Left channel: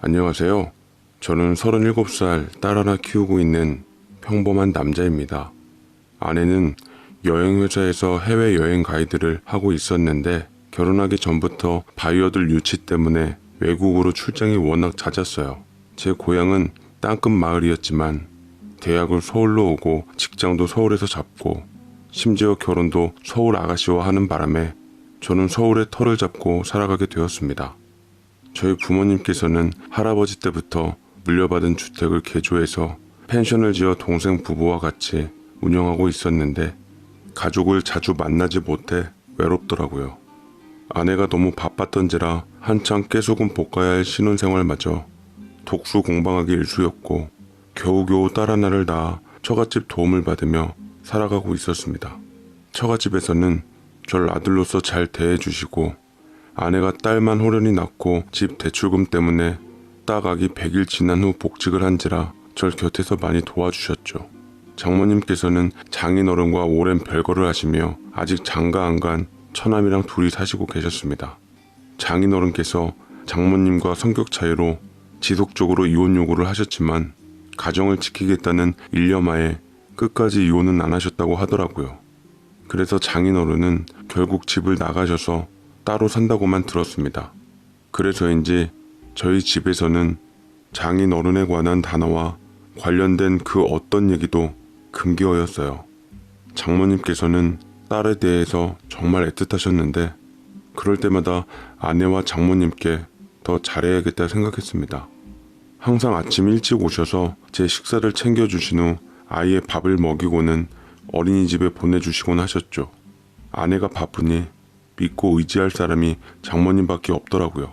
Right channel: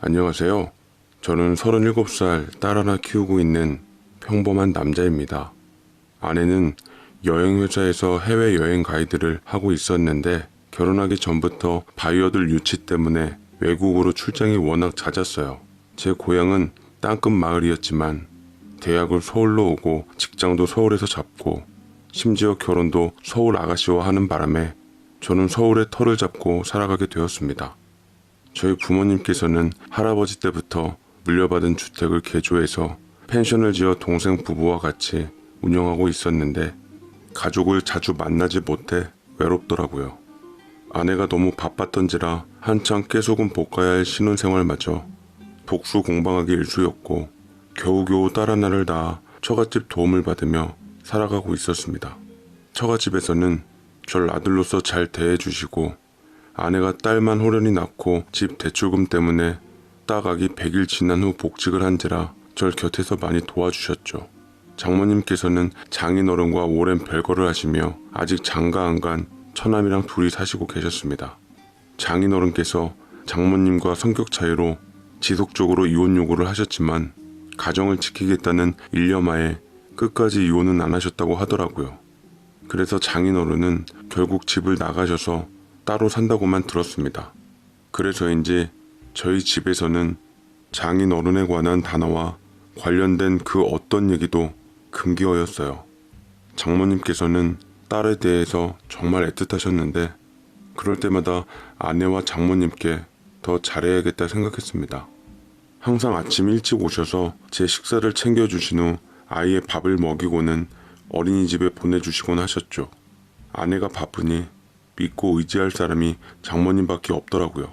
안녕하세요. 저는 37살 딸 하나 키우고 있는 평범한 남자입니다. 아내는 여행회사에서 해외여행 가이드를 하고 있었는데 결혼하기 전부터 바이어들 유치 때문에 외국으로 출장이 워낙 잦았어요. 제 고향은 땅끝 마을이었지만 대학을 서울로 오고 직장도 서울에서 잡고 심지어 결혼도 서울 아가씨와 하는 바람에 저는 서울에 터를 잡고 살아가게 되었습니다. 저희 부모님께서는 할아버지 때부터 물려받은 주택을 개조해서 펜션을 지어 동생 부부와 같이 운영하고 있었는데 가족을 자주 만나지 못해 외롭더라고요. 아내가 너무 바빴던지라 한창 깨소금 볶아야 할 신혼생활마저 독수 공방하기 일쑤였고 겨우겨우 딸 하나를 낳아 처갓집 도움을 받으며 살아가고 있었습니다. 처갓집에서는 절 아들로서 잘 대해주시고 아내가 딸만 호련히 낳고 집 대출금 때문에 딱 아기 100일 지난 후 복직을 한지라 절 곁에서 많이 도와주셨죠. 장모님께서는 장인어른과 오랜 별거를 하시며 아직 장가 안 간 처남이랑 둘이 사시고 계셨습니다. 장인어른께서 장모님과 성격 차이로 지속적으로 이혼 요구를 하셨지만 가정을 지키겠다는 일념하에 끝까지 이혼은 안 하셨다고 하더라고요. 그래서 장인어른은 결국 집을 나가셔서 따로 산다고만 들었습니다. 그래서인지 저희 집에서는 장인어른에 관한 단어와 관련된 그 어떤 얘기도 금기어였어요. 장모님께서는 딸에 대해서 정말 애틋하셨는데 그럴 때마다 아내와 장모님께 더 잘해야겠다 생각했습니다. 항상 아침 일찍 오셔서 제 식사를 챙겨주신 후 아이의 밥을 먹이고는 어린이집에 보내주시곤 하셨죠. 아내가 바쁘니 믿고 의지할 사람이 장모님밖에 없더라고요.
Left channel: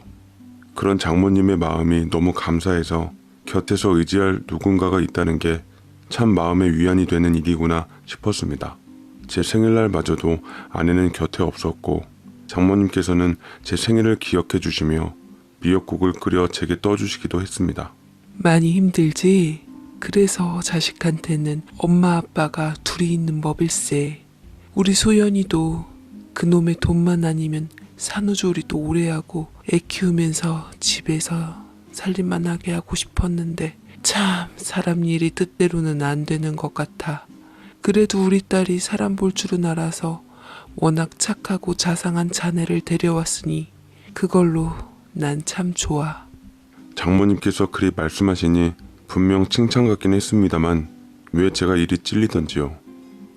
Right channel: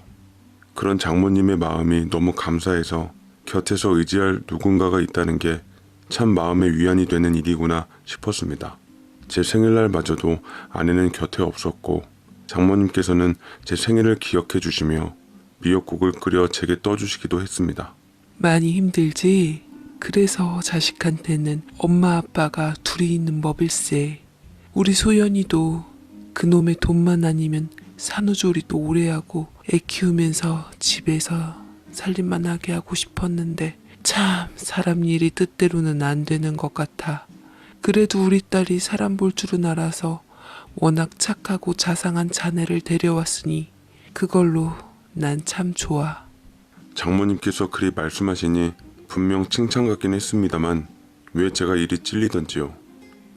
그런 장모님의 마음이 너무 감사해서 곁에서 의지할 누군가가 있다는 게 참 마음의 위안이 되는 일이구나 싶었습니다. 제 생일날마저도 아내는 곁에 없었고 장모님께서는 제 생일을 기억해 주시며 미역국을 끓여 제게 떠주시기도 했습니다. 많이 힘들지? 그래서 자식한테는 엄마 아빠가 둘이 있는 법일세. 우리 소연이도 그놈의 돈만 아니면 산후조리도 오래 하고 애 키우면서 집에서 살림만 하게 하고 싶었는데 참 사람 일이 뜻대로는 안 되는 것 같아. 그래도 우리 딸이 사람 볼 줄은 알아서 워낙 착하고 자상한 자네를 데려왔으니 그걸로 난 참 좋아. 장모님께서 그리 말씀하시니 분명 칭찬 같긴 했습니다만 왜 제가 이리 찔리던지요.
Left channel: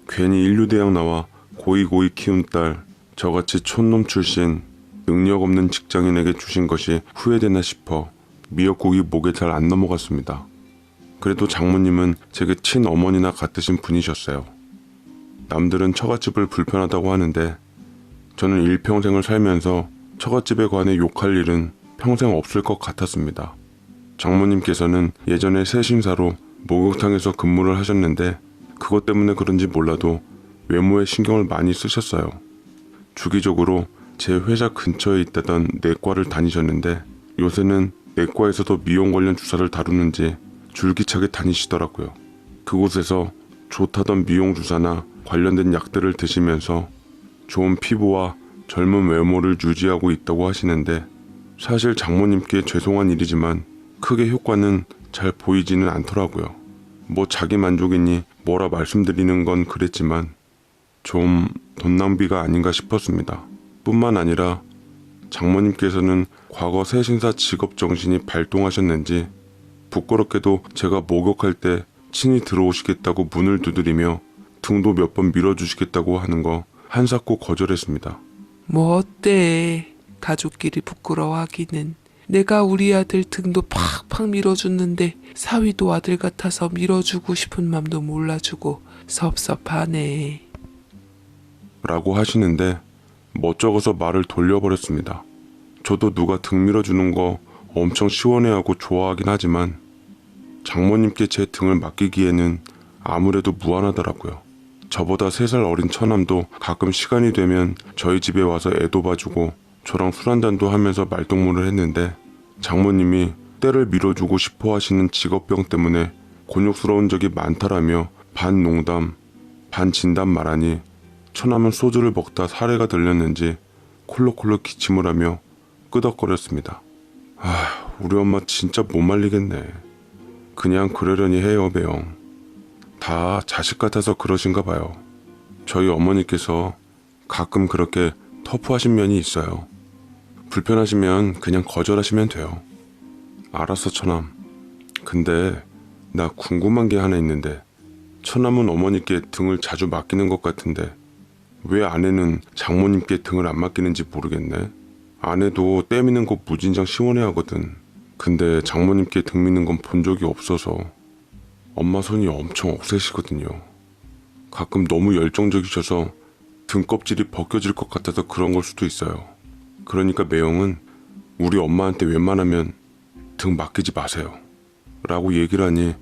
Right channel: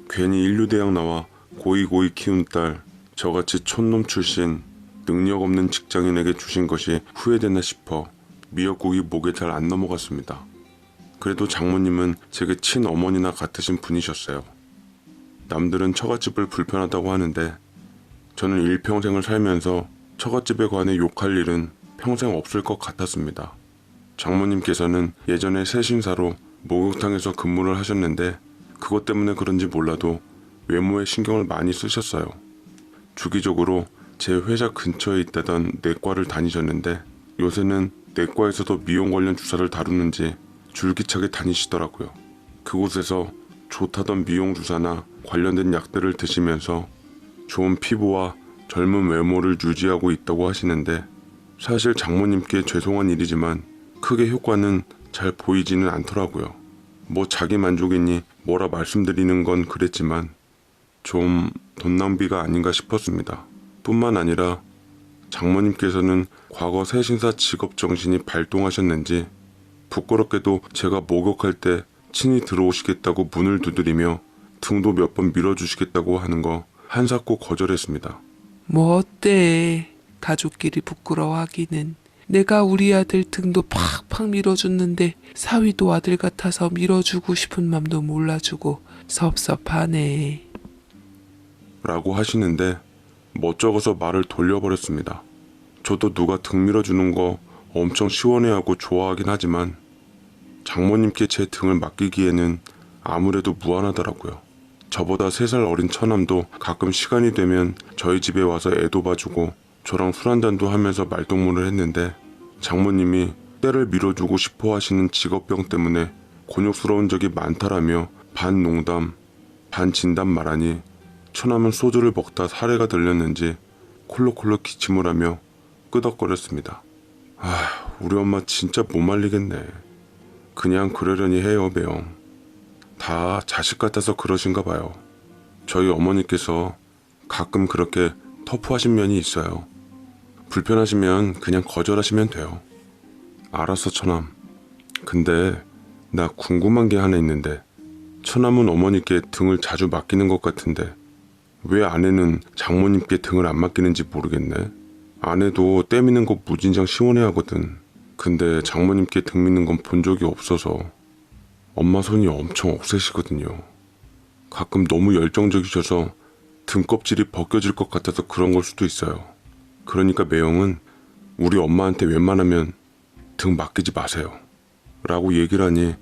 괜히 인류대학 나와 고이고이 키운 딸, 저같이 촌놈 출신 능력 없는 직장인에게 주신 것이 후회되나 싶어 미역국이 목에 잘 안 넘어갔습니다. 그래도 장모님은 제게 친어머니나 같으신 분이셨어요. 남들은 처갓집을 불편하다고 하는데 저는 일평생을 살면서 처갓집에 관해 욕할 일은 평생 없을 것 같았습니다. 장모님께서는 예전에 세신사로 목욕탕에서 근무를 하셨는데 그것 때문에 그런지 몰라도 외모에 신경을 많이 쓰셨어요. 주기적으로 제 회사 근처에 있다던 내과를 다니셨는데 요새는 내과에서도 미용 관련 주사를 다루는지 줄기차게 다니시더라고요. 그곳에서 좋다던 미용 주사나 관련된 약들을 드시면서 좋은 피부와 젊은 외모를 유지하고 있다고 하시는데 사실 장모님께 죄송한 일이지만 크게 효과는 잘 보이지는 않더라고요. 뭐 자기 만족이니 뭐라 말씀드리는 건 그랬지만 좀 돈 낭비가 아닌가 싶었습니다. 뿐만 아니라 장모님께서는 과거 세신사 직업 정신이 발동하셨는지 부끄럽게도 제가 목욕할 때 친히 들어오시겠다고 문을 두드리며 등도 몇 번 밀어주시겠다고 하는 거 한사코 거절했습니다. 뭐 어때? 가족끼리 부끄러워하기는. 내가 우리 아들 등도 팍팍 밀어줬는데 사위도 아들 같아서 밀어주고 싶은 맘도 몰라주고 섭섭하네. 라고 하시는데 멋쩍어서 말을 돌려버렸습니다. 저도 누가 등 밀어주는 거 엄청 시원해하고 좋아하긴 하지만 장모님께 제 등을 맡기기에는 아무래도 무안하더라고요. 저보다 3살 어린 처남도 가끔 시간이 되면 저희 집에 와서 애도 봐주고 저랑 술 한잔도 하면서 말동무를 했는데 장모님이 때를 밀어주고 싶어 하시는 직업병 때문에 곤욕스러운 적이 많다라며 반 농담, 반 진담 말하니 처남은 소주를 먹다 사례가 들렸는지 콜록콜록 기침을 하며 끄덕거렸습니다. 우리 엄마 진짜 못 말리겠네. 그냥 그러려니 해요, 매형. 다 자식 같아서 그러신가 봐요. 저희 어머니께서 가끔 그렇게 터프하신 면이 있어요. 불편하시면 그냥 거절하시면 돼요. 알았어, 처남. 근데 나 궁금한 게 하나 있는데 처남은 어머니께 등을 자주 맡기는 것 같은데 왜 아내는 장모님께 등을 안 맡기는지 모르겠네. 아내도 때 미는 거 무진장 시원해하거든. 근데 장모님께 등 미는 건 본 적이 없어서 엄마 손이 엄청 억세시거든요. 가끔 너무 열정적이셔서 등껍질이 벗겨질 것 같아서 그런 걸 수도 있어요. 그러니까 매형은 우리 엄마한테 웬만하면 등 맡기지 마세요 라고 얘기를 하니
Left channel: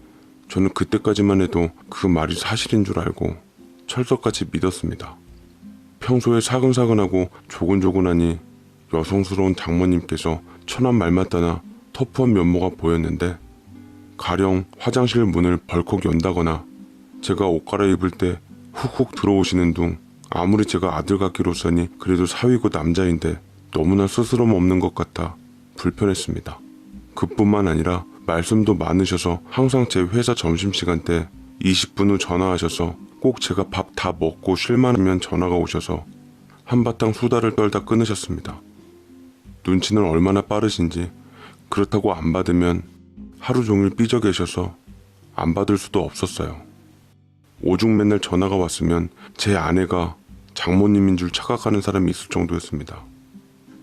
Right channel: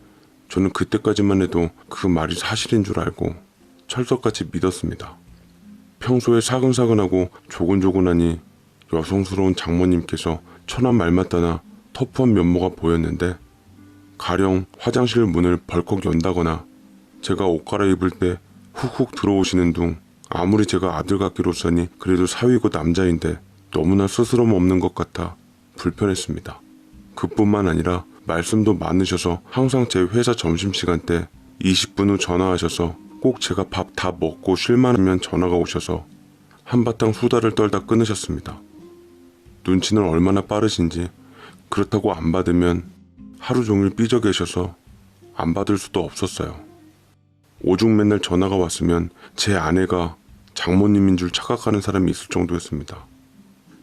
저는 그때까지만 해도 그 말이 사실인 줄 알고 철석같이 믿었습니다. 평소에 사근사근하고 조곤조곤하니 여성스러운 장모님께서 천원 말 맞다나 터프한 면모가 보였는데 가령 화장실 문을 벌컥 연다거나 제가 옷 갈아입을 때 훅훅 들어오시는 둥 아무리 제가 아들 같기로서니 그래도 사위고 남자인데 너무나 스스럼 없는 것 같아 불편했습니다. 그뿐만 아니라 말씀도 많으셔서 항상 제 회사 점심시간 때 20분 후 전화하셔서 꼭 제가 밥 다 먹고 쉴만하면 전화가 오셔서 한바탕 수다를 떨다 끊으셨습니다. 눈치는 얼마나 빠르신지 그렇다고 안 받으면 하루 종일 삐져 계셔서 안 받을 수도 없었어요. 오죽 맨날 전화가 왔으면 제 아내가 장모님인 줄 착각하는 사람이 있을 정도였습니다.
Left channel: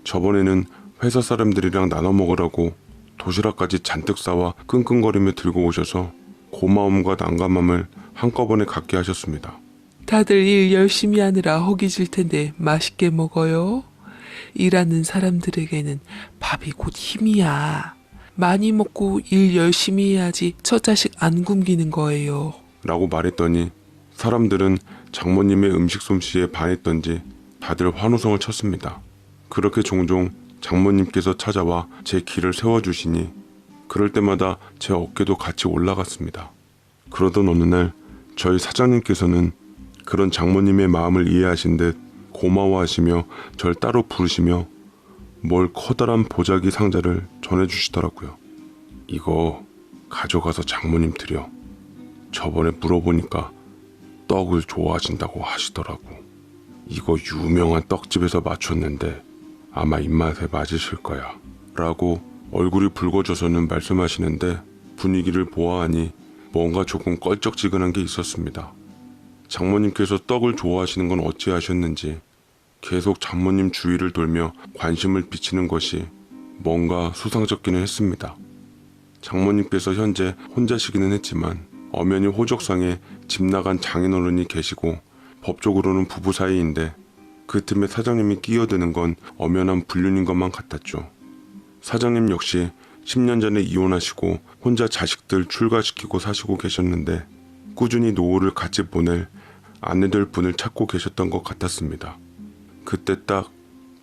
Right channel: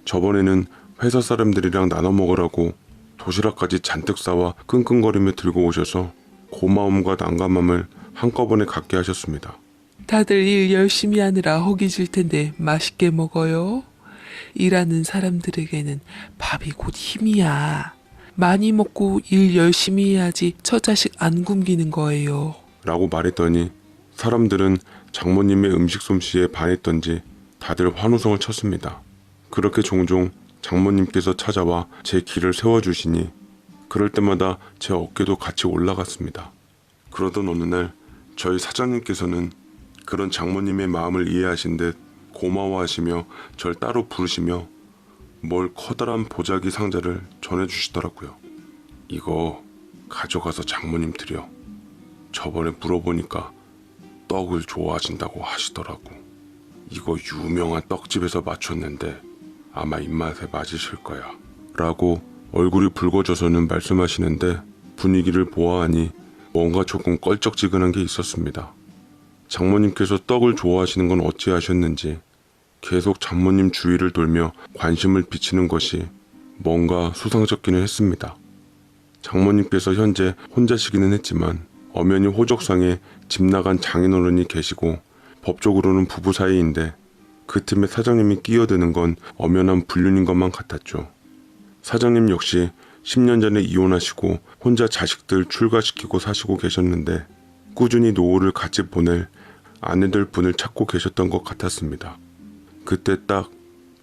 저번에는 회사 사람들이랑 나눠 먹으라고 도시락까지 잔뜩 싸와 끙끙거리며 들고 오셔서 고마움과 난감함을 한꺼번에 갖게 하셨습니다. 다들 일 열심히 하느라 허기질 텐데 맛있게 먹어요. 일하는 사람들에게는 밥이 곧 힘이야. 많이 먹고 일 열심히 해야지 저 자식 안 굶기는 거예요. 라고 말했더니 사람들은 장모님의 음식 솜씨에 반했던지 다들 환호성을 쳤습니다. 그렇게 종종 장모님께서 찾아와 제 길을 세워주시니 그럴 때마다 제 어깨도 같이 올라갔습니다. 그러던 어느 날 저희 사장님께서는 그런 장모님의 마음을 이해하신 듯 고마워하시며 절 따로 부르시며 뭘 커다란 보자기 상자를 전해주시더라고요. 이거 가져가서 장모님 드려. 저번에 물어보니까 떡을 좋아하신다고 하시더라고. 이거 유명한 떡집에서 맞췄는데 아마 입맛에 맞으실 거야. 라고 얼굴이 붉어져서는 말씀하시는데 분위기를 보아하니 뭔가 조금 껄쩍지근한 게 있었습니다. 장모님께서 떡을 좋아하시는 건 어찌하셨는지 계속 장모님 주위를 돌며 관심을 비치는 것이 뭔가 수상쩍기는 했습니다. 장모님께서 현재 혼자시기는 했지만 엄연히 호적상에 집 나간 장인어른이 계시고 법적으로는 부부 사이인데 그 틈에 사장님이 끼어드는 건 엄연한 불륜인 것만 같았죠. 사장님 역시 10년 전에 이혼하시고 혼자 자식들 출가시키고 사시고 계셨는데 꾸준히 노후를 같이 보낼 아내들 분을 찾고 계셨던 것 같았습니다. 그때 딱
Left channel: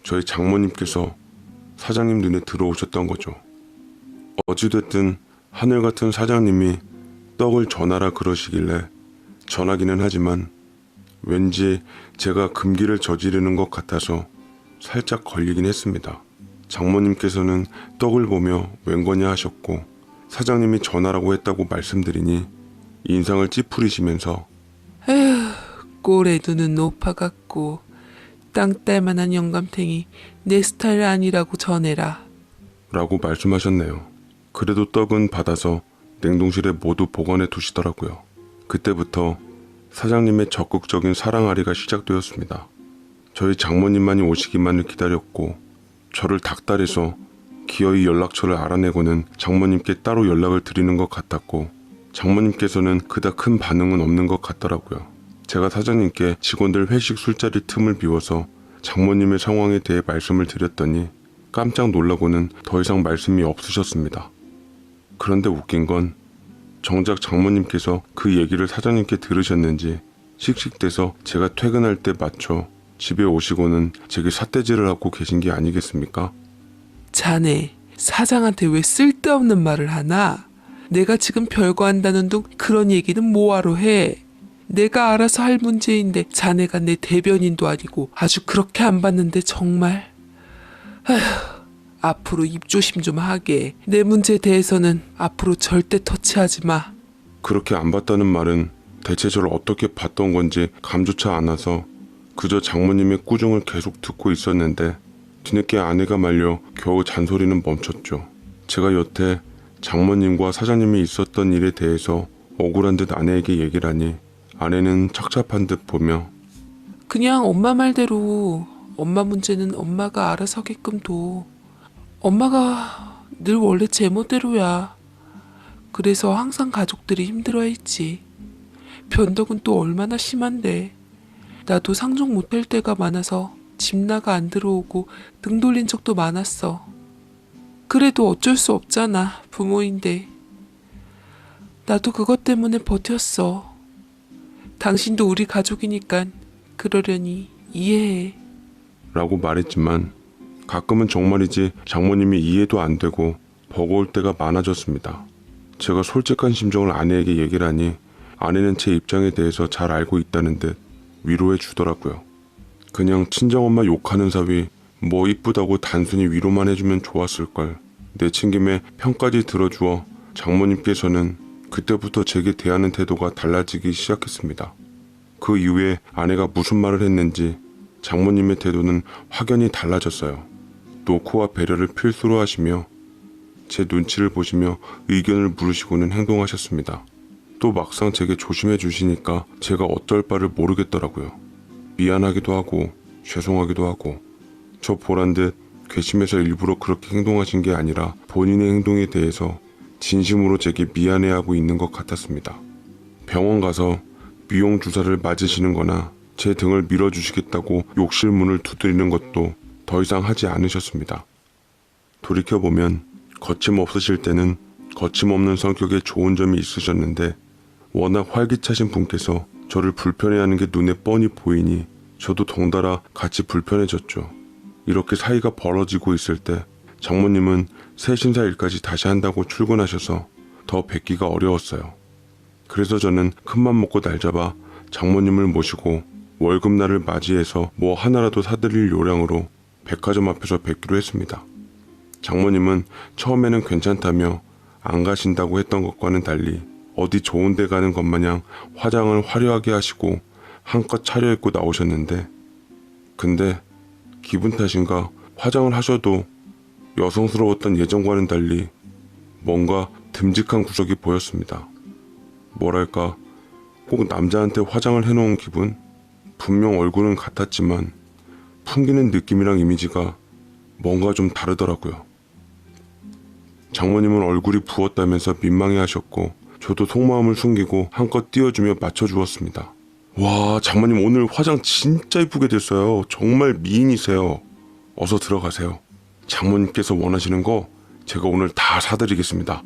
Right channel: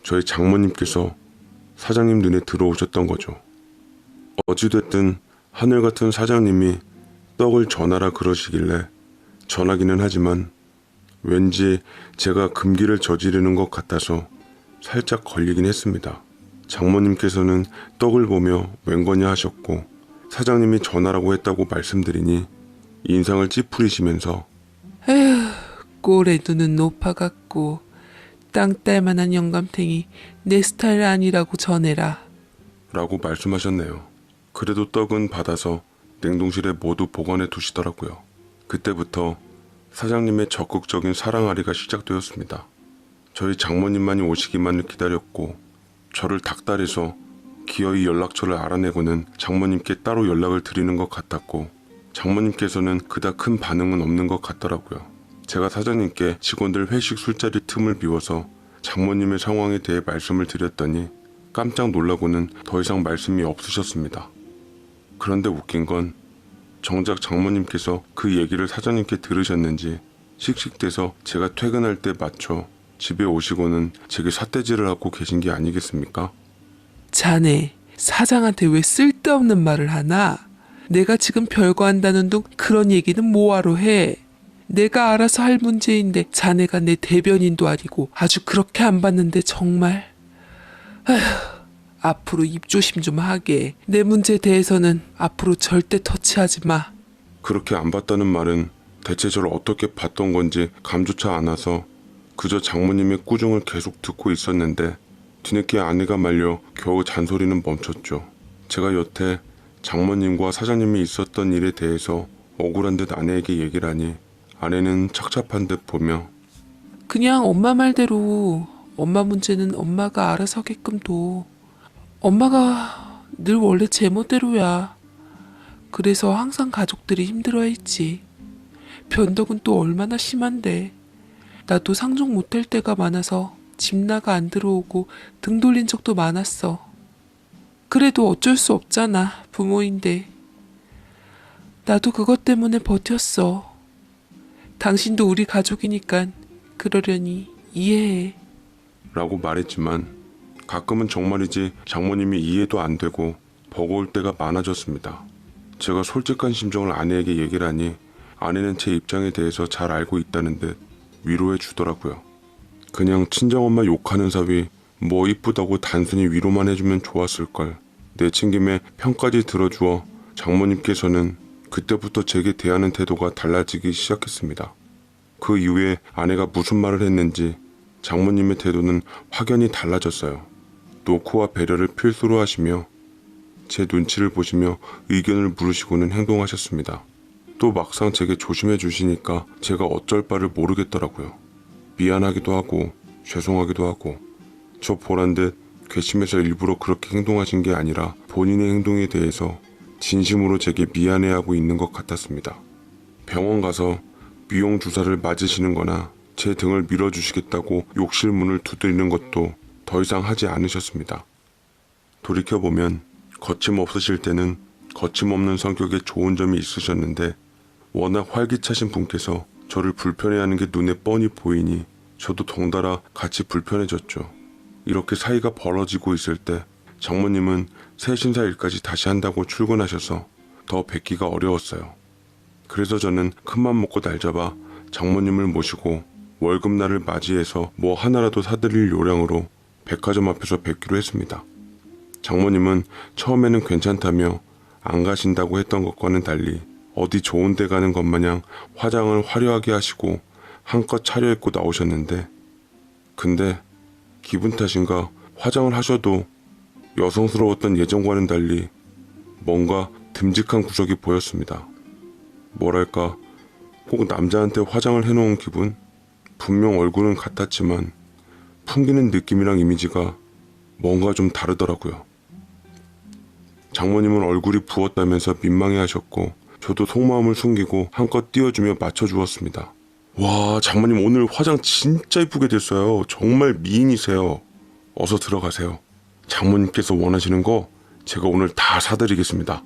저희 장모님께서 사장님 눈에 들어오셨던 거죠. 어찌됐든 하늘 같은 사장님이 떡을 전하라 그러시길래 전하기는 하지만 왠지 제가 금기를 저지르는 것 같아서 살짝 걸리긴 했습니다. 장모님께서는 떡을 보며 웬거냐 하셨고 사장님이 전하라고 했다고 말씀드리니 인상을 찌푸리시면서 에휴, 꼴에 두는 노파같고 땅 뗄만한 영감탱이 내 스타일 아니라고 전해라. 라고 말씀하셨네요. 그래도 떡은 받아서 냉동실에 모두 보관해 두시더라고요. 그때부터 사장님의 적극적인 사랑아리가 시작되었습니다. 저희 장모님만이 오시기만을 기다렸고 저를 닥달해서 기어이 연락처를 알아내고는 장모님께 따로 연락을 드리는 것 같았고 장모님께서는 그닥 큰 반응은 없는 것 같더라고요. 제가 사장님께 직원들 회식 술자리 틈을 비워서 장모님의 상황에 대해 말씀을 드렸더니 깜짝 놀라고는 더 이상 말씀이 없으셨습니다. 그런데 웃긴 건 정작 장모님께서 그 얘기를 사장님께 들으셨는지 씩씩대서 제가 퇴근할 때 맞춰 집에 오시고는 제게 삿대질을 하고 계신 게 아니겠습니까? 자네, 사장한테 왜 쓸데없는 말을 하나? 내가 지금 별거 한다는 둥 그런 얘기는 뭐하러 해? 내가 알아서 할 문제인데 자네가 내 대변인도 아니고 아주 그렇게 안 봤는데 정말. 아휴, 앞으로 입 조심 좀 하게. 내 문제에 대해서는 앞으로 절대 터치하지 마. 그렇게 안 봤다는 말은 대체 저를 어떻게 봤던 건지 감조차 않아서 그저 장모님의 꾸중을 계속 듣고 있었는데 뒤늦게 아내가 말려 겨우 잔소리는 멈췄죠. 제가 여태 장모님과 사장님이 있었던 일에 대해서 억울한 듯 아내에게 얘기를 하니 아내는 착잡한 듯 보며 그냥 엄마 말대로 엄마 문제는 엄마가 알아서 하게끔 둬. 엄마가 늘 원래 제 멋대로야. 그래서 항상 가족들이 힘들어했지. 변덕은 또 얼마나 심한데. 나도 상종 못 될 때가 많아서 집 나가 안 들어오고 등 돌린 적도 많았어. 그래도 어쩔 수 없잖아, 부모인데. 나도 그것 때문에 버텼어. 당신도 우리 가족이니까 그러려니 이해해. 라고 말했지만 가끔은 정말이지 장모님이 이해도 안 되고 버거울 때가 많아졌습니다. 제가 솔직한 심정을 아내에게 얘기를 하니 아내는 제 입장에 대해서 잘 알고 있다는 듯 위로해 주더라고요. 그냥 친정엄마 욕하는 사위 뭐 이쁘다고 단순히 위로만 해주면 좋았을걸. 내친김에 편까지 들어주어 장모님께서는 그때부터 제게 대하는 태도가 달라지기 시작했습니다. 그 이후에 아내가 무슨 말을 했는지 장모님의 태도는 확연히 달라졌어요. 노코와 배려를 필수로 하시며 제 눈치를 보시며 의견을 물으시고는 행동하셨습니다. 또 막상 제게 조심해 주시니까 제가 어쩔 바를 모르겠더라고요. 미안하기도 하고 죄송하기도 하고 저 보란 듯 괘씸해서 일부러 그렇게 행동하신 게 아니라 본인의 행동에 대해서 진심으로 제게 미안해하고 있는 것 같았습니다. 병원 가서 미용 주사를 맞으시는 거나 제 등을 밀어주시겠다고 욕실 문을 두드리는 것도 더 이상 하지 않으셨습니다. 돌이켜보면 거침없으실 때는 거침없는 성격에 좋은 점이 있으셨는데 워낙 활기차신 분께서 저를 불편해하는 게 눈에 뻔히 보이니 저도 덩달아 같이 불편해졌죠. 이렇게 사이가 벌어지고 있을 때 장모님은 새신사 일까지 다시 한다고 출근하셔서 더 뵙기가 어려웠어요. 그래서 저는 큰맘 먹고 날 잡아 장모님을 모시고 월급날을 맞이해서 뭐 하나라도 사드릴 요량으로 백화점 앞에서 뵙기로 했습니다. 장모님은 처음에는 괜찮다며 안 가신다고 했던 것과는 달리 어디 좋은 데 가는 것 마냥 화장을 화려하게 하시고 한껏 차려입고 나오셨는데 근데 기분 탓인가 화장을 하셔도 여성스러웠던 예전과는 달리 뭔가 듬직한 구석이 보였습니다. 뭐랄까 꼭 남자한테 화장을 해놓은 기분? 분명 얼굴은 같았지만 풍기는 느낌이랑 이미지가 뭔가 좀 다르더라고요. 장모님은 얼굴이 부었다면서 민망해하셨고 저도 속마음을 숨기고 한껏 띄워주며 맞춰주었습니다. 와, 장모님 오늘 화장 진짜 이쁘게 됐어요. 정말 미인이세요. 어서 들어가세요. 장모님께서 원하시는 거 제가 오늘 다 사드리겠습니다.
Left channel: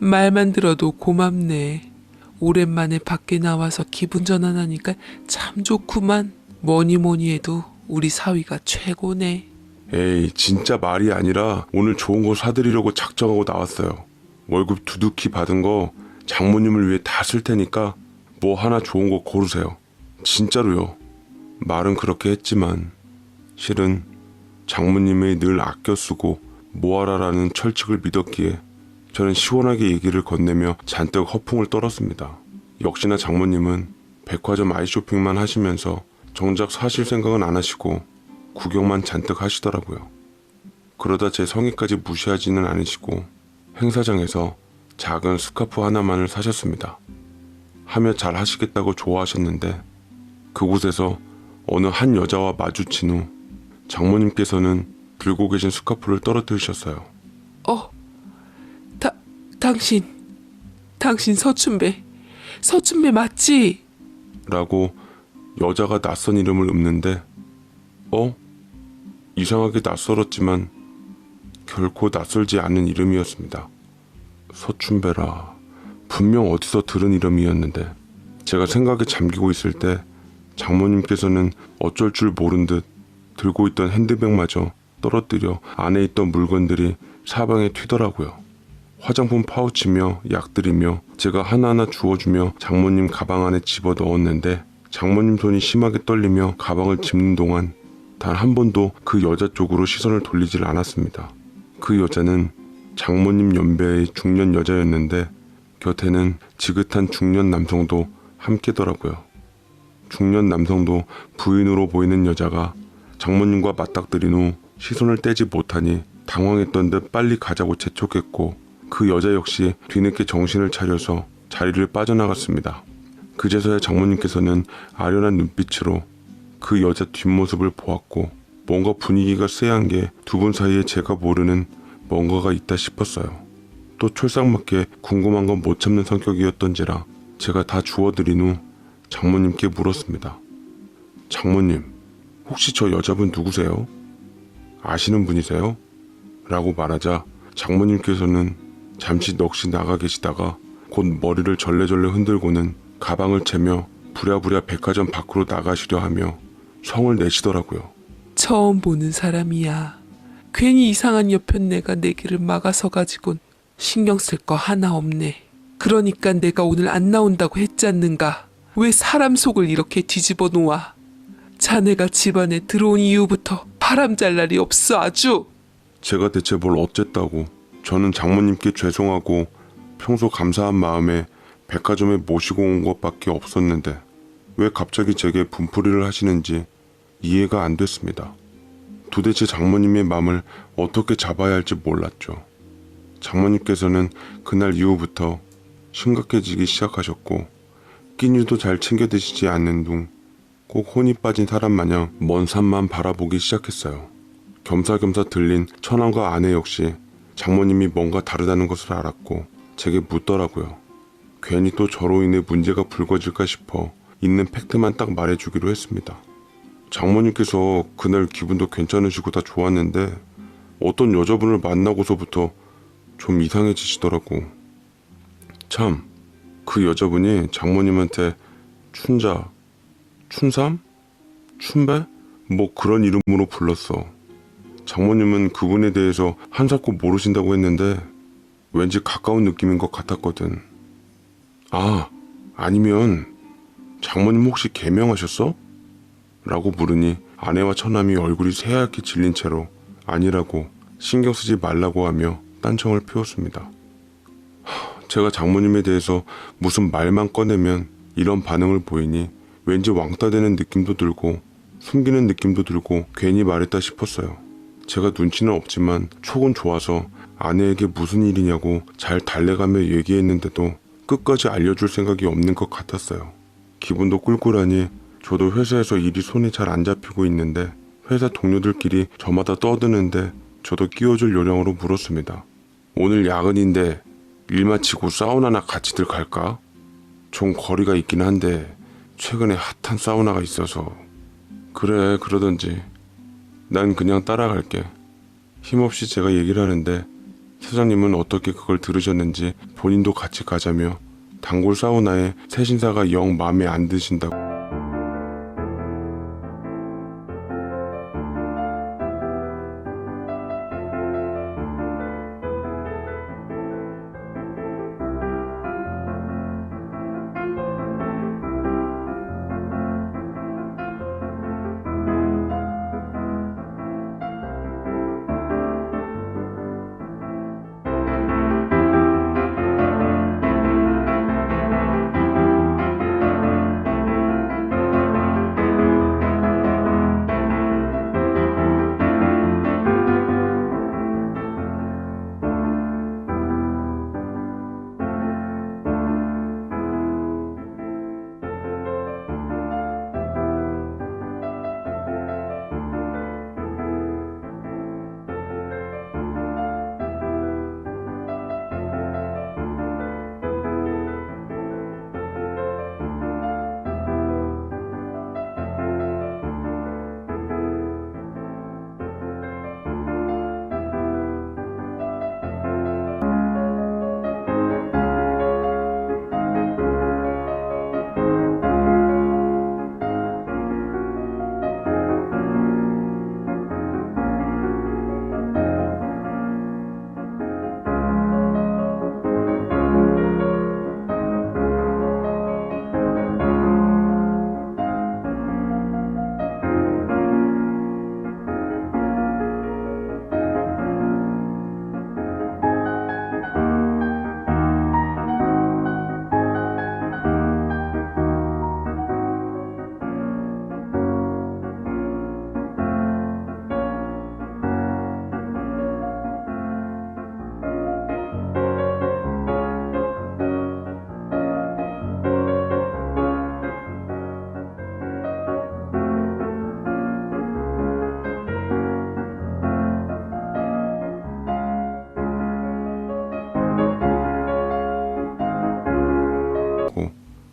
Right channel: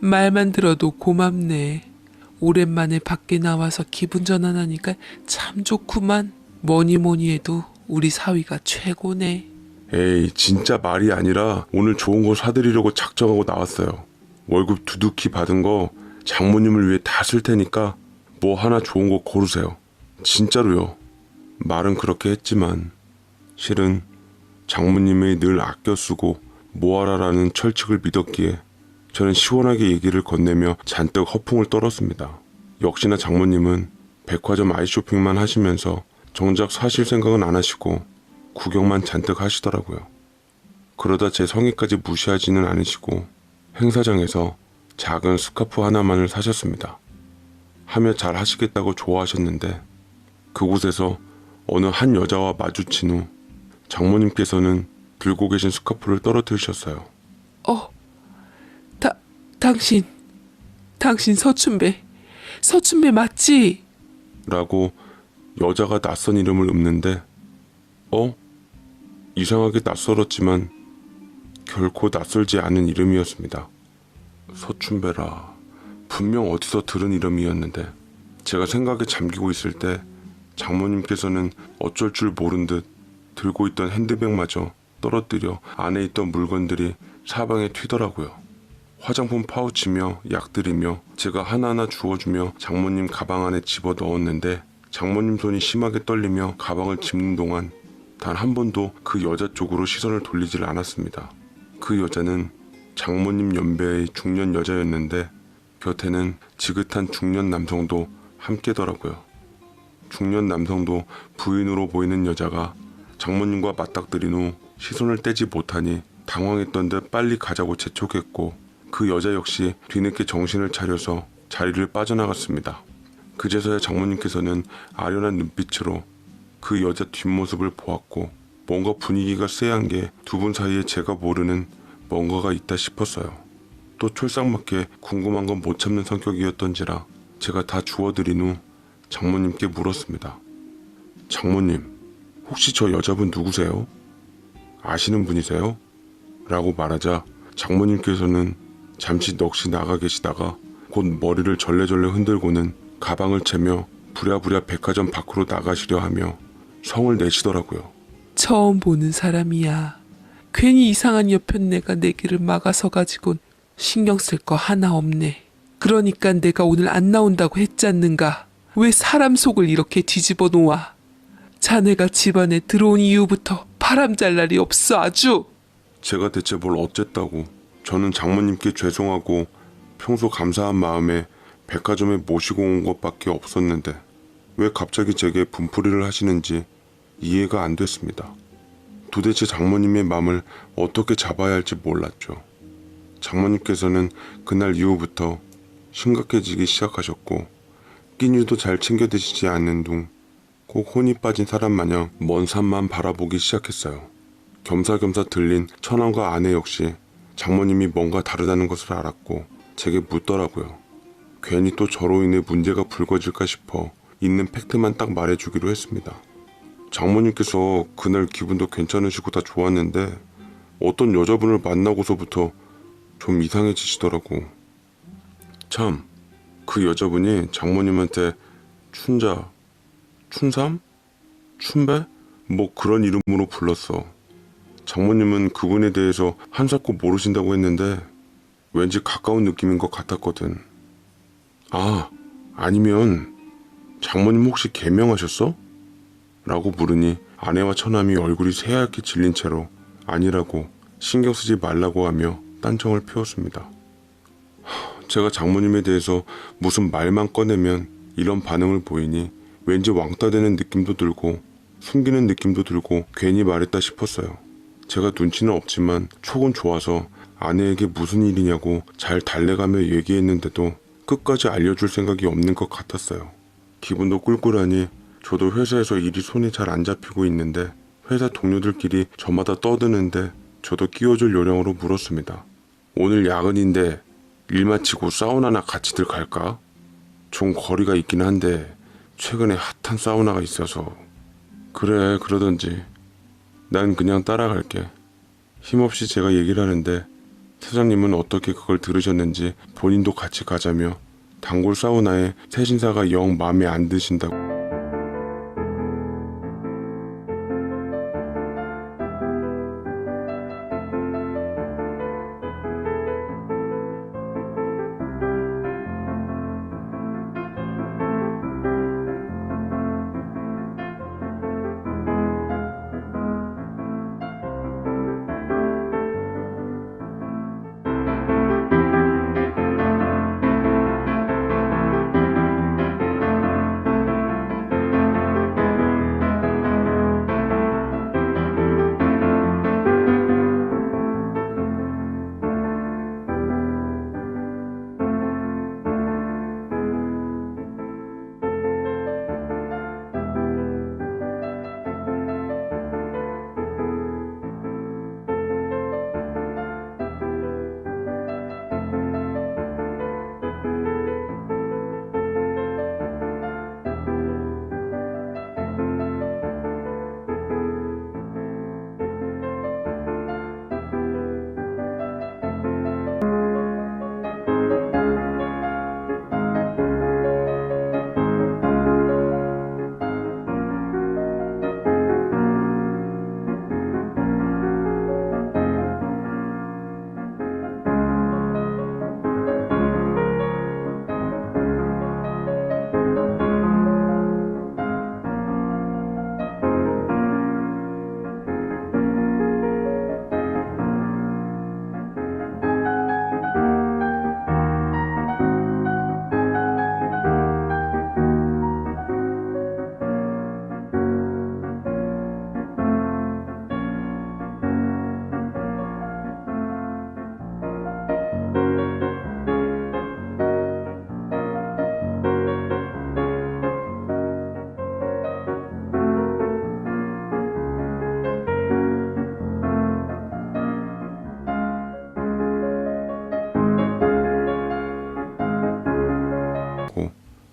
말만 들어도 고맙네. 오랜만에 밖에 나와서 기분 전환하니까 참 좋구만. 뭐니 뭐니 해도 우리 사위가 최고네. 에이, 진짜 말이 아니라 오늘 좋은 거 사드리려고 작정하고 나왔어요. 월급 두둑히 받은 거 장모님을 위해 다 쓸 테니까 뭐 하나 좋은 거 고르세요. 진짜로요. 말은 그렇게 했지만 실은 장모님의 늘 아껴 쓰고 모아라라는 철칙을 믿었기에 저는 시원하게 얘기를 건네며 잔뜩 허풍을 떨었습니다. 역시나 장모님은 백화점 아이쇼핑만 하시면서 정작 사실 생각은 안 하시고 구경만 잔뜩 하시더라고요. 그러다 제 성의까지 무시하지는 않으시고 행사장에서 작은 스카프 하나만을 사셨습니다. 하며 잘 하시겠다고 좋아하셨는데 그곳에서 어느 한 여자와 마주친 후 장모님께서는 들고 계신 스카프를 떨어뜨리셨어요. 당신 서춘배 맞지? 라고 여자가 낯선 이름을 읊는데 이상하게 낯설었지만 결코 낯설지 않은 이름이었습니다. 서춘배라 분명 어디서 들은 이름이었는데 제가 생각에 잠기고 있을 때 장모님께서는 어쩔 줄 모른 듯 들고 있던 핸드백마저 떨어뜨려 안에 있던 물건들이 사방에 튀더라고요. 화장품 파우치며 약들이며 제가 하나하나 주워주며 장모님 가방 안에 집어 넣었는데 장모님 손이 심하게 떨리며 가방을 짚는 동안 단 한 번도 그 여자 쪽으로 시선을 돌리질 않았습니다. 그 여자는 장모님 연배의 중년 여자였는데 곁에는 지긋한 중년 남성도 함께더라고요. 중년 남성도 부인으로 보이는 여자가 장모님과 맞닥뜨린 후 시선을 떼지 못하니 당황했던 듯 빨리 가자고 재촉했고 그 여자 역시 뒤늦게 정신을 차려서 자리를 빠져나갔습니다. 그제서야 장모님께서는 아련한 눈빛으로 그 여자 뒷모습을 보았고 뭔가 분위기가 쎄한 게 두 분 사이에 제가 모르는 뭔가가 있다 싶었어요. 또 촐싹맞게 궁금한 건 못 참는 성격이었던지라 제가 다 주워드린 후 장모님께 물었습니다. 장모님, 혹시 저 여자분 누구세요? 아시는 분이세요? 라고 말하자 장모님께서는 잠시 넋이 나가 계시다가 곧 머리를 절레절레 흔들고는 가방을 채며 부랴부랴 백화점 밖으로 나가시려 하며 성을 내시더라고요. 처음 보는 사람이야. 괜히 이상한 여편네가 내 길을 막아서 가지곤 신경 쓸 거 하나 없네. 그러니까 내가 오늘 안 나온다고 했잖는가. 왜 사람 속을 이렇게 뒤집어 놓아. 자네가 집안에 들어온 이후부터 바람잘 날이 없어 아주. 제가 대체 뭘 어쨌다고. 저는 장모님께 죄송하고 평소 감사한 마음에 백화점에 모시고 온 것밖에 없었는데 왜 갑자기 제게 분풀이를 하시는지 이해가 안 됐습니다. 도대체 장모님의 마음을 어떻게 잡아야 할지 몰랐죠. 장모님께서는 그날 이후부터 심각해지기 시작하셨고 끼니도 잘 챙겨 드시지 않는 둥 꼭 혼이 빠진 사람 마냥 먼 산만 바라보기 시작했어요. 겸사겸사 들린 처남과 아내 역시 장모님이 뭔가 다르다는 것을 알았고 제게 묻더라고요. 괜히 또 저로 인해 문제가 불거질까 싶어 있는 팩트만 딱 말해주기로 했습니다. 장모님께서 그날 기분도 괜찮으시고 다 좋았는데 어떤 여자분을 만나고서부터 좀 이상해지시더라고. 참, 그 여자분이 장모님한테 춘자, 춘삼? 춘배? 뭐 그런 이름으로 불렀어. 장모님은 그분에 대해서 한사코 모르신다고 했는데 왠지 가까운 느낌인 것 같았거든. 아, 아니면 장모님 혹시 개명하셨어? 라고 물으니 아내와 처남이 얼굴이 새하얗게 질린 채로 아니라고 신경 쓰지 말라고 하며 딴청을 피웠습니다. 제가 장모님에 대해서 무슨 말만 꺼내면 이런 반응을 보이니 왠지 왕따 되는 느낌도 들고 숨기는 느낌도 들고 괜히 말했다 싶었어요. 제가 눈치는 없지만 촉은 좋아서 아내에게 무슨 일이냐고 잘 달래가며 얘기했는데도 끝까지 알려줄 생각이 없는 것 같았어요. 기분도 꿀꿀하니 저도 회사에서 일이 손이 잘 안 잡히고 있는데 회사 동료들끼리 저마다 떠드는데 저도 끼워줄 요량으로 물었습니다. 오늘 야근인데 일 마치고 사우나나 같이들 갈까? 좀 거리가 있긴 한데 최근에 핫한 사우나가 있어서. 그래, 그러던지. 난 그냥 따라갈게. 힘없이 제가 얘기를 하는데 사장님은 어떻게 그걸 들으셨는지 본인도 같이 가자며 단골 사우나에 새 신사가 영 마음에 안 드신다고.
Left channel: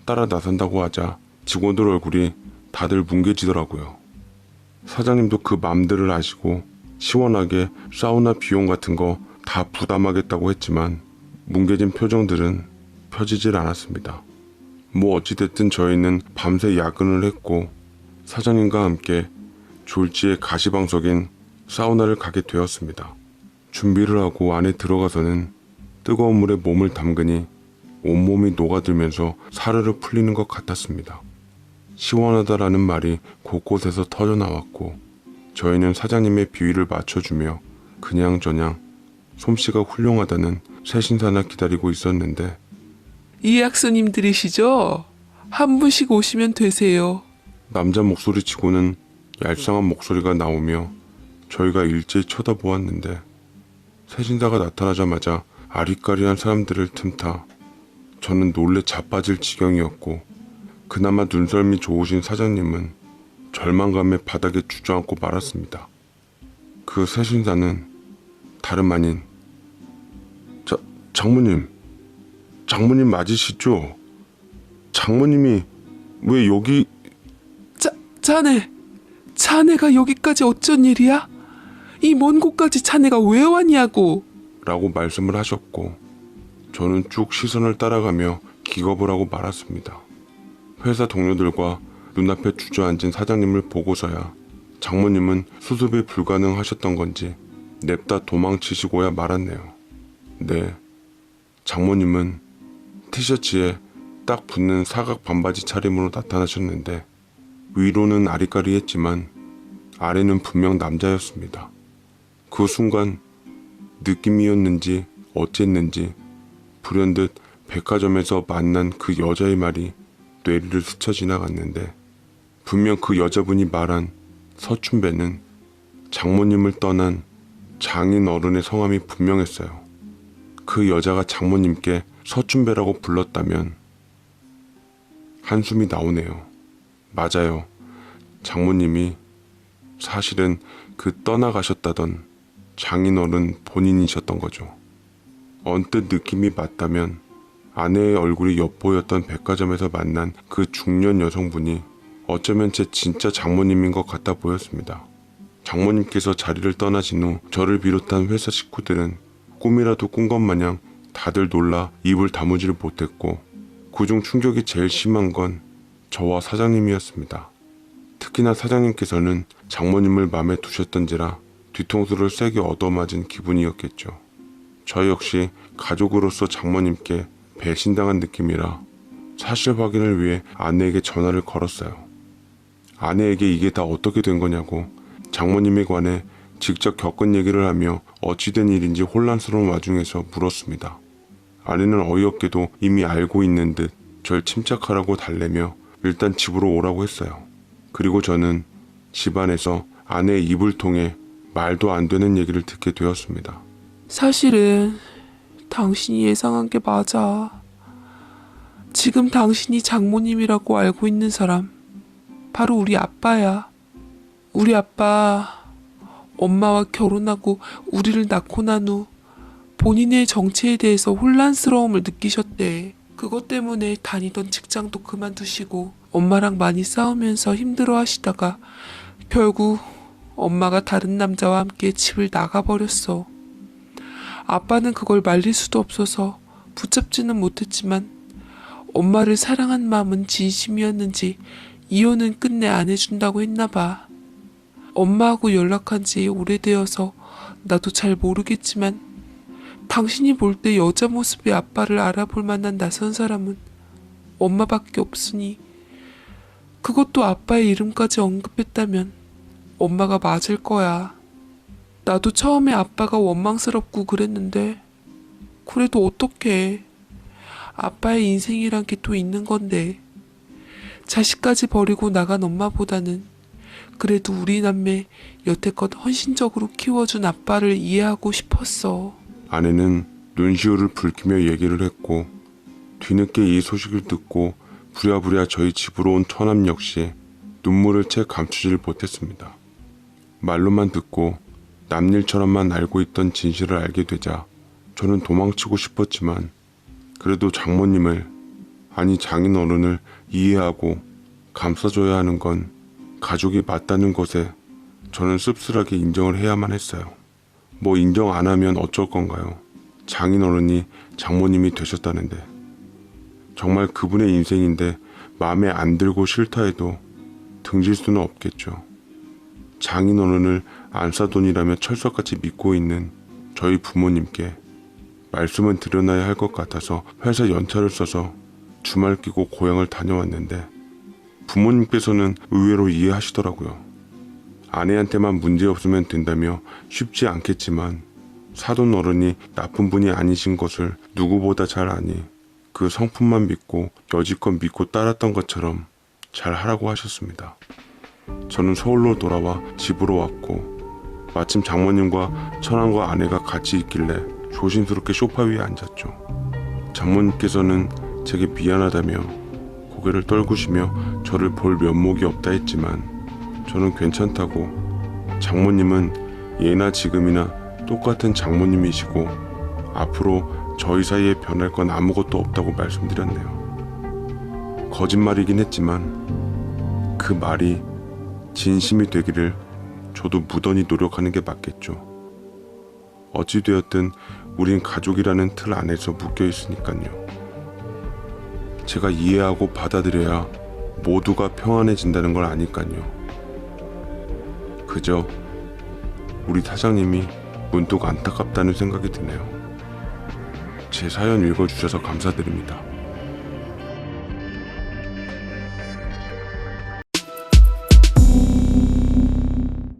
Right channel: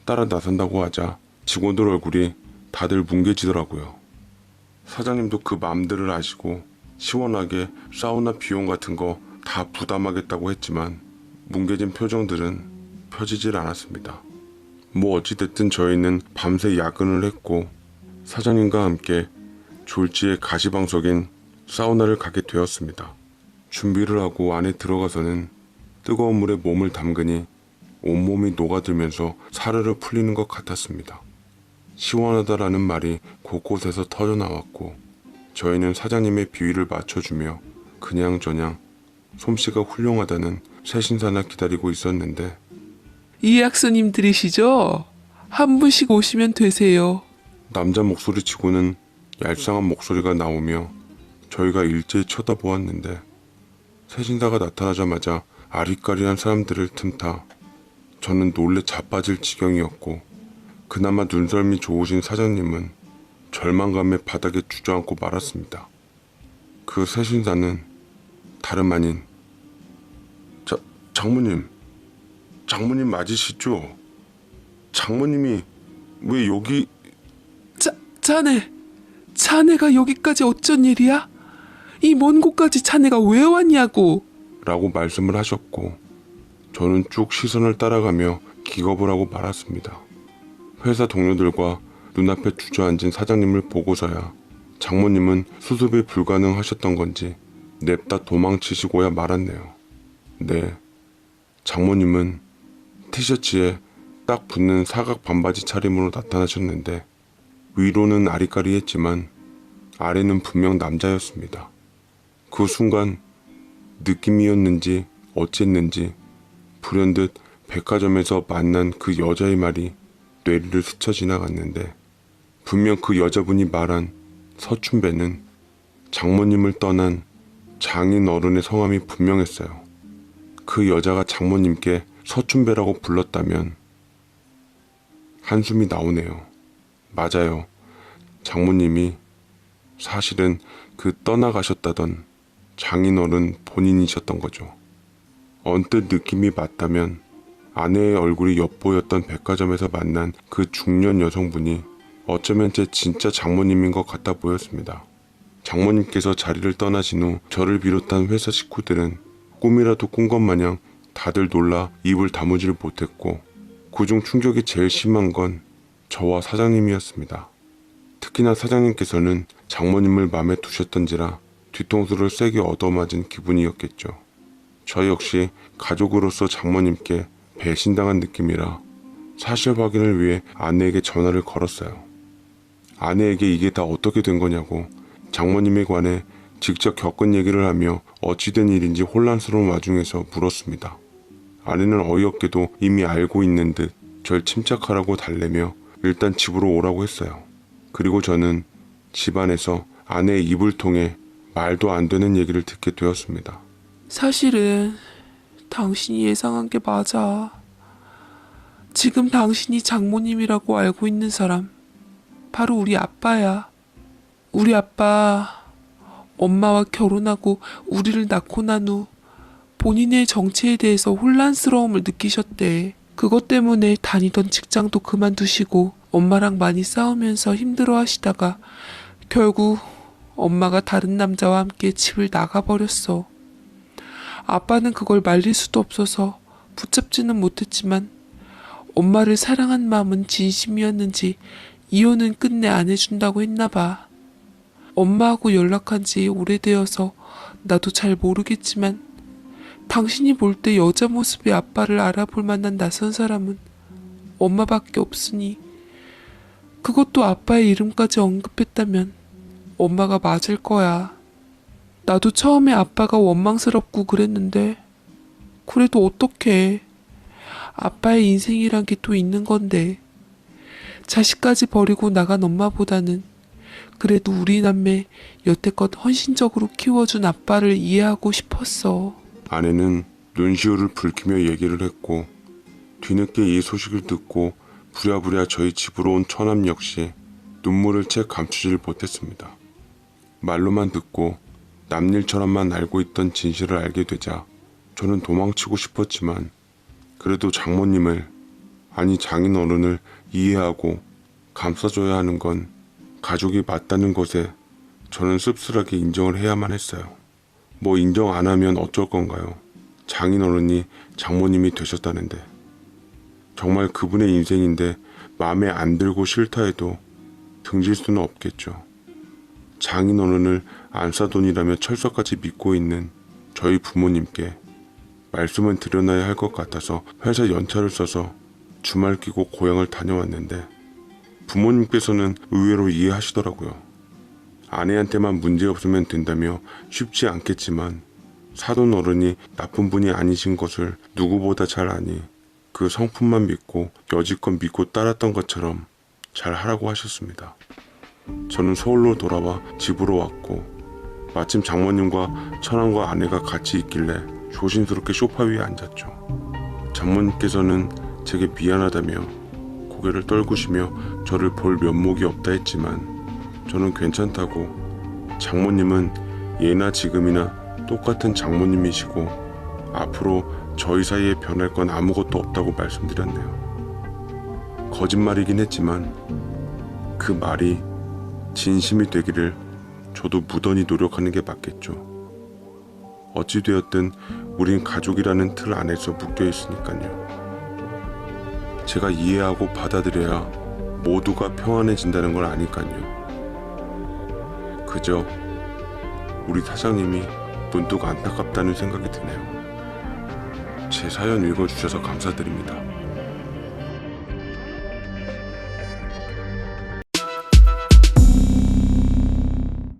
따라 나선다고 하자 직원들 얼굴이 다들 뭉개지더라고요. 사장님도 그 맘들을 아시고 시원하게 사우나 비용 같은 거 다 부담하겠다고 했지만 뭉개진 표정들은 펴지질 않았습니다. 뭐 어찌됐든 저희는 밤새 야근을 했고 사장님과 함께 졸지에 가시방석인 사우나를 가게 되었습니다. 준비를 하고 안에 들어가서는 뜨거운 물에 몸을 담그니 온몸이 녹아들면서 사르르 풀리는 것 같았습니다. 시원하다라는 말이 곳곳에서 터져나왔고 저희는 사장님의 비위를 맞춰주며 그냥저냥 솜씨가 훌륭하다는 새신사나 기다리고 있었는데 예약손님들이시죠? 한 분씩 오시면 되세요. 남자 목소리치고는 얄쌍한 목소리가 나오며 저희가 일제히 쳐다보았는데 새신사가 나타나자마자 아리까리한 사람들을 틈타 저는 놀래 자빠질 지경이었고 그나마 눈썰미 좋으신 사장님은 절망감에 바닥에 주저앉고 말았습니다. 그 새신사는 다름 아닌 장모님 맞으시죠? 장모님이 왜 여기... 자네가 여기까지 어쩐 일이야? 이 먼 곳까지 자네가 왜 왔냐고. 라고 말씀을 하셨고 저는 쭉 시선을 따라가며 기겁을 하고 말았습니다. 회사 동료들과 눈앞에 주저앉은 사장님을 보고서야 장모님은 수습이 불가능하셨던 건지 냅다 도망치시고야 말았네요. 네, 장모님은 티셔츠에 딱 붙는 사각 반바지 차림으로 나타나셨는데 위로는 아리까리했지만 아래는 분명 남자였습니다. 그 순간 느낌이었는지 어쨌는지 불현듯 백화점에서 만난 그 여자의 말이 뇌리를 스쳐 지나갔는데 분명 그 여자분이 말한 서춘배는 장모님을 떠난 장인 어른의 성함이 분명했어요. 그 여자가 장모님께 서춘배라고 불렀다면 한숨이 나오네요. 맞아요. 장모님이 사실은 그 떠나가셨다던 장인어른 본인이셨던 거죠. 언뜻 느낌이 맞다면 아내의 얼굴이 엿보였던 백화점에서 만난 그 중년 여성분이 어쩌면 제 진짜 장모님인 것 같아 보였습니다. 장모님께서 자리를 떠나신 후 저를 비롯한 회사 식구들은 꿈이라도 꾼 것 마냥 다들 놀라 입을 다무지를 못했고 그중 충격이 제일 심한 건 저와 사장님이었습니다. 특히나 사장님께서는 장모님을 마음에 두셨던지라 뒤통수를 세게 얻어맞은 기분이었겠죠. 저 역시 가족으로서 장모님께 배신당한 느낌이라 사실 확인을 위해 아내에게 전화를 걸었어요. 아내에게 이게 다 어떻게 된 거냐고 장모님에 관해 직접 겪은 얘기를 하며 어찌된 일인지 혼란스러운 와중에서 물었습니다. 아내는 어이없게도 이미 알고 있는 듯 절 침착하라고 달래며 일단 집으로 오라고 했어요. 그리고 저는 집안에서 아내의 입을 통해 말도 안 되는 얘기를 듣게 되었습니다. 사실은 당신이 예상한 게 맞아. 지금 당신이 장모님이라고 알고 있는 사람 바로 우리 아빠야. 우리 아빠 엄마와 결혼하고 우리를 낳고 난 후 본인의 정체에 대해서 혼란스러움을 느끼셨대. 그것 때문에 다니던 직장도 그만두시고 엄마랑 많이 싸우면서 힘들어 하시다가 결국 엄마가 다른 남자와 함께 집을 나가버렸어. 아빠는 그걸 말릴 수도 없어서 붙잡지는 못했지만 엄마를 사랑한 마음은 진심이었는지 이혼은 끝내 안 해준다고 했나봐. 엄마하고 연락한 지 오래되어서 나도 잘 모르겠지만 당신이 볼 때 여자 모습의 아빠를 알아볼 만한 낯선 사람은 엄마밖에 없으니 그것도 아빠의 이름까지 언급했다면 엄마가 맞을 거야. 나도 처음에 아빠가 원망스럽고 그랬는데 그래도 어떡해. 아빠의 인생이란 게 또 있는 건데 자식까지 버리고 나간 엄마보다는 그래도 우리 남매 여태껏 헌신적으로 키워준 아빠를 이해하고 싶었어. 아내는 눈시울을 붉히며 얘기를 했고 뒤늦게 이 소식을 듣고 부랴부랴 저희 집으로 온 처남 역시 눈물을 채 감추질 못했습니다. 말로만 듣고 남일처럼만 알고 있던 진실을 알게 되자 저는 도망치고 싶었지만 그래도 장모님을 아니 장인 어른을 이해하고 감싸줘야 하는 건 가족이 맞다는 것에 저는 씁쓸하게 인정을 해야만 했어요. 뭐 인정 안 하면 어쩔 건가요? 장인 어른이 장모님이 되셨다는데. 정말 그분의 인생인데 마음에 안 들고 싫다 해도 등질 수는 없겠죠. 장인 어른을 안사돈이라며 철석같이 믿고 있는 저희 부모님께 말씀은 드려놔야 할 것 같아서 회사 연차를 써서 주말 끼고 고향을 다녀왔는데 부모님께서는 의외로 이해하시더라고요. 아내한테만 문제 없으면 된다며 쉽지 않겠지만 사돈 어른이 나쁜 분이 아니신 것을 누구보다 잘 아니 그 성품만 믿고 여지껏 믿고 따랐던 것처럼 잘 하라고 하셨습니다. 저는 서울로 돌아와 집으로 왔고 마침 장모님과 처남과 아내가 같이 있길래 조심스럽게 소파 위에 앉았죠. 장모님께서는 제게 미안하다며 고개를 떨구시며 저를 볼 면목이 없다 했지만 저는 괜찮다고, 장모님은 예나 지금이나 똑같은 장모님이시고 앞으로 저희 사이에 변할 건 아무것도 없다고 말씀드렸네요. 거짓말이긴 했지만 그 말이 진심이 되기를 저도 무던히 노력하는 게 맞겠죠. 어찌되었든 우린 가족이라는 틀 안에서 묶여 있으니까요. 제가 이해하고 받아들여야 모두가 평안해진다는 걸 아니까요. 그저 우리 사장님이 문득 안타깝다는 생각이 드네요. 제 사연 읽어주셔서 감사드립니다.